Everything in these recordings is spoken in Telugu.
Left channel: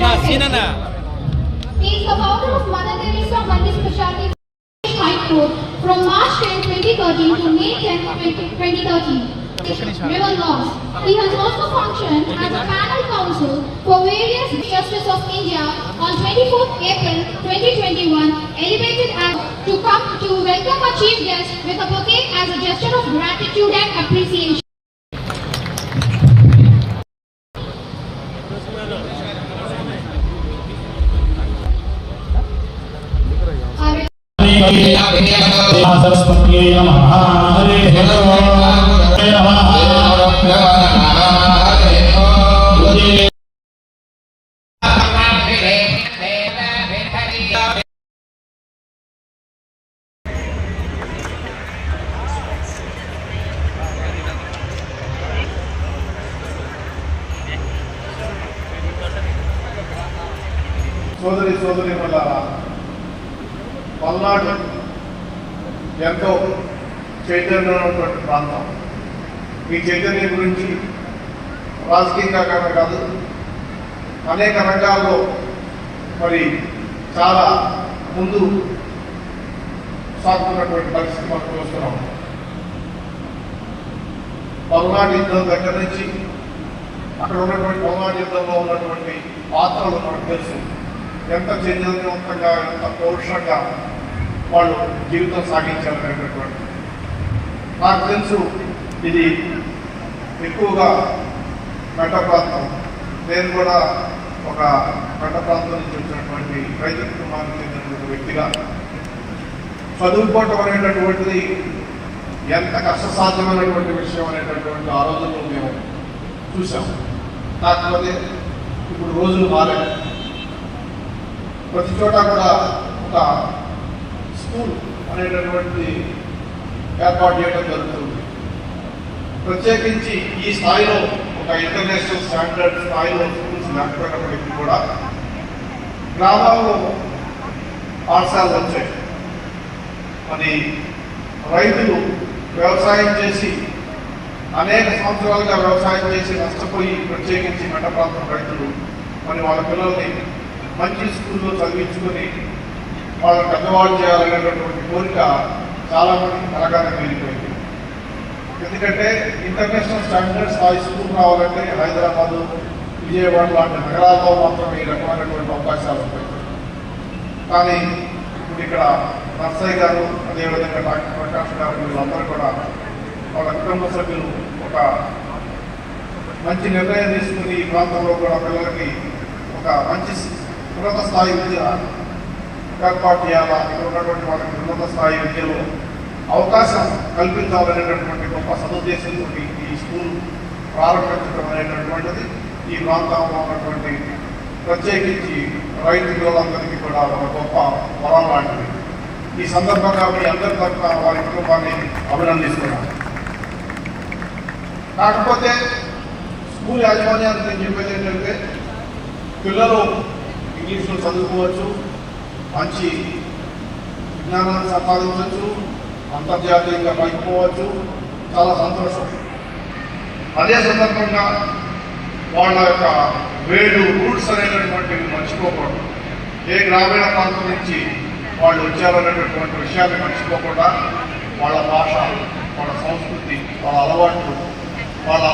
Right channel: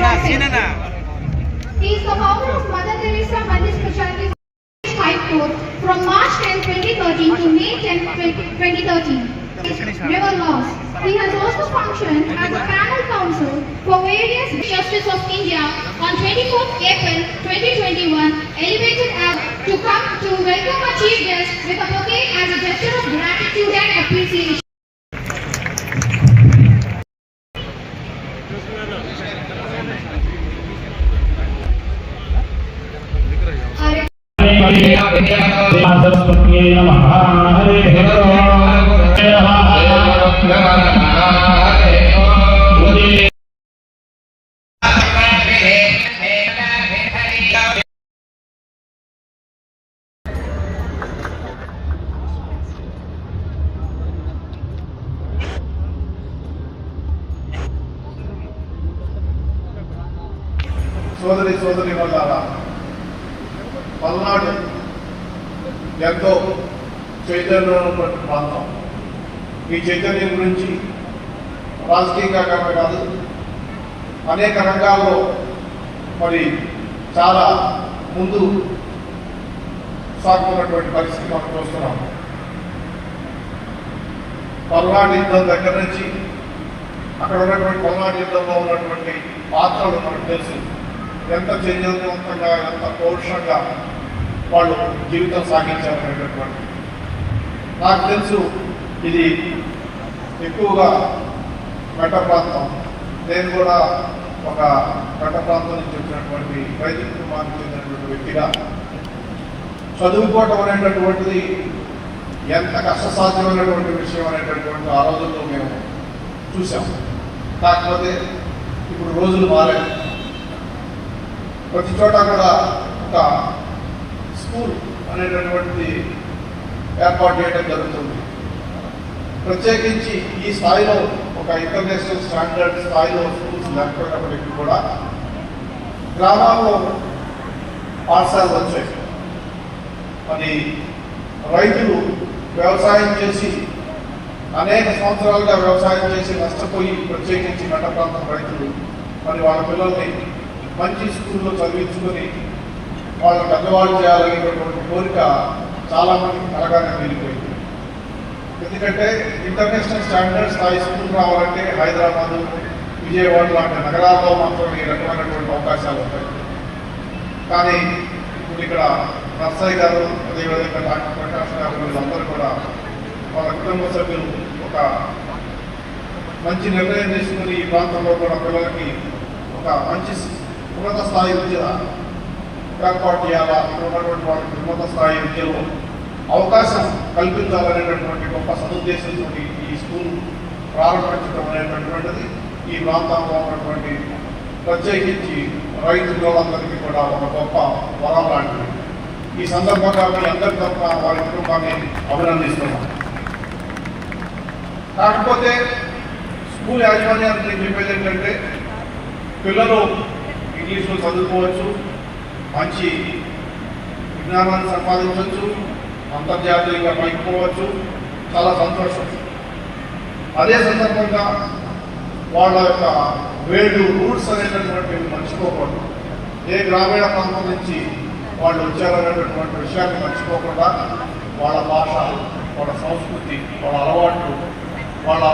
He is the founder of Mother Teresa Multi Specialty Court from March 10, 2013 to May 10, 2013. River laws. He has also functioned as a panel counsel for various justice of India on 24th April 2021, elevated as to come to welcome a chief guest with a bouquet as a gesture of gratitude and appreciation. సోదరి సోదరి వల్ల పల్నాడు ఎంతో చైతన్యం ఉన్నటువంటి ప్రాంతం. ఈ చైతన్యం గురించి రాజకీయంగా కాదు అనేక రంగాల్లో మరి చాలా ముందు సాగుతున్నటువంటి పరిస్థితి మనం చూస్తున్నాం. పల్నాడు యుద్ధం దగ్గర నుంచి అక్కడ ఉన్నటువంటి పల్నాడు యుద్ధంలో ఉన్నటువంటి పాత్రలు మనకు తెలుసు. ఎంత చైతన్యవంతంగా ఎంత పౌరుషంగా వాళ్ళు జీవితం సాగించారు అనేటటువంటి నాకు తెలుసు ఇది ఎక్కువగా మెట్ట ప్రాంతం నేను కూడా ఒక మెట్ట ప్రాంతం నుంచి వచ్చినటువంటి రైతు కుటుంబానికి చెందినటువంటి వ్యక్తిగా. చదువుకోవటం అనేటటువంటిది ఎంత కష్టసాధ్యమైనటువంటి విషయం అనేటటువంటి ఆ రోజుల్లో మేము చూసాం కాకపోతే ఇప్పుడు రోజులు మారాయి. ప్రతి చోట కూడా ఒక స్కూల్ అనేటటువంటి ఏర్పాటు చేయడం జరుగుతుంది. ప్రత్యేకించి ఈ స్థాయిలో ఒక ఇంటర్నేషనల్ స్టాండర్డ్ స్థాయిలో స్కూల్స్ లేకపోయినప్పటికీ కూడా గ్రామాల్లో పాఠశాలలు వచ్చాయి. మరి రైతులు వ్యవసాయం చేసి అనేక సంవత్సరాలుగా వ్యవసాయం చేసి నష్టపోయి ప్రత్యేకించి మెట్ట ప్రాంతం రైతులు మరి వాళ్ళ పిల్లల్ని మంచి స్కూల్లో చదివించుకుని వాళ్ళని పెద్దవాళ్ళు చేయాలనేటువంటి కోరిక చాలామంది అనగానే వెళ్ళిపోయింది. ఎందుకంటే ఇంటర్నేషనల్ స్టాండర్డ్ స్థాయి స్కూల్ రావాలంటే హైదరాబాదు విజయవాడ లాంటి నగరాల్లో మాత్రం ఈ రకమైనటువంటి అవకాశాలు ఉంటాయి. కానీ ఇప్పుడు ఇక్కడ నర్సయ్య గారు అదేవిధంగా డాక్టర్ ప్రకాష్ గారు వీళ్ళందరూ కూడా వాళ్ళ కుటుంబ సభ్యులు ఒక మంచి నిర్ణయం తీసుకుని ఈ ప్రాంతంలో కూడా పిల్లలకి ఒక మంచి ఉన్నత స్థాయి విద్య ఏర్పాటు చేయాలా ఇక్కడ ఉన్నటువంటి ఉన్నత స్థాయి విద్యలో అవకాశం కల్పించాలనేటటువంటి గొప్ప సదుద్దేశంతో ఈ స్కూల్ ప్రారంభించడం అనేటటువంటిది ఈ ప్రాంతంలో ఉన్నటువంటి ప్రత్యేకించి రైతు వేలందరికీ కూడా ఒక గొప్ప వరం లాంటిది ఈ సందర్భంగా అందరి తరఫున వారి కుటుంబాన్ని అభినందిస్తున్నాం కాకపోతే స్కూల్ యాజమాన్యానికి నేను చెప్పేది ఏంటంటే పిల్లలు ఇంగ్లీష్లో చదువుకోవచ్చు మంచి విజ్ఞానాన్ని సంపాదించవచ్చు అంతర్జాతీయంగా పైకి పోవచ్చు చాలా సంతోషం. అదే సందర్భంగా వాళ్ళ యొక్క వేడు రూట్స్ అనేటటువంటివి మర్చిపోకూడదు ఏ గ్రామీణ ప్రాంతం నుంచి వాళ్ళు వచ్చారనేటటువంటి విషయాన్ని మర్చిపోకుండా వాళ్ళ భాష వాళ్ళ సంస్కృతి వాళ్ళ అలవాట్లు వాళ్ళ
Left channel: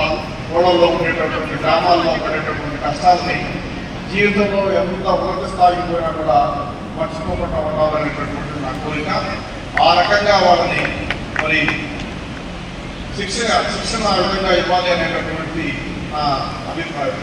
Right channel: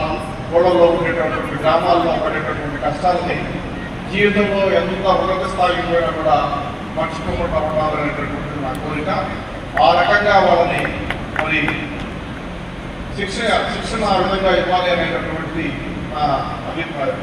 ఊళ్ళలో ఉండేటటువంటి గ్రామాల్లో ఉండేటటువంటి కష్టాలని జీవితంలో ఎంత ఉన్నత స్థాయికి కూడా మర్చిపోకుండా ఉండాలనేటటువంటి నా కోరిక ఆ రకంగా వాళ్ళని మరి శిక్షణ శిక్షణ ఆ విధంగా ఇవ్వాలి అనేటటువంటి నా అభిప్రాయం.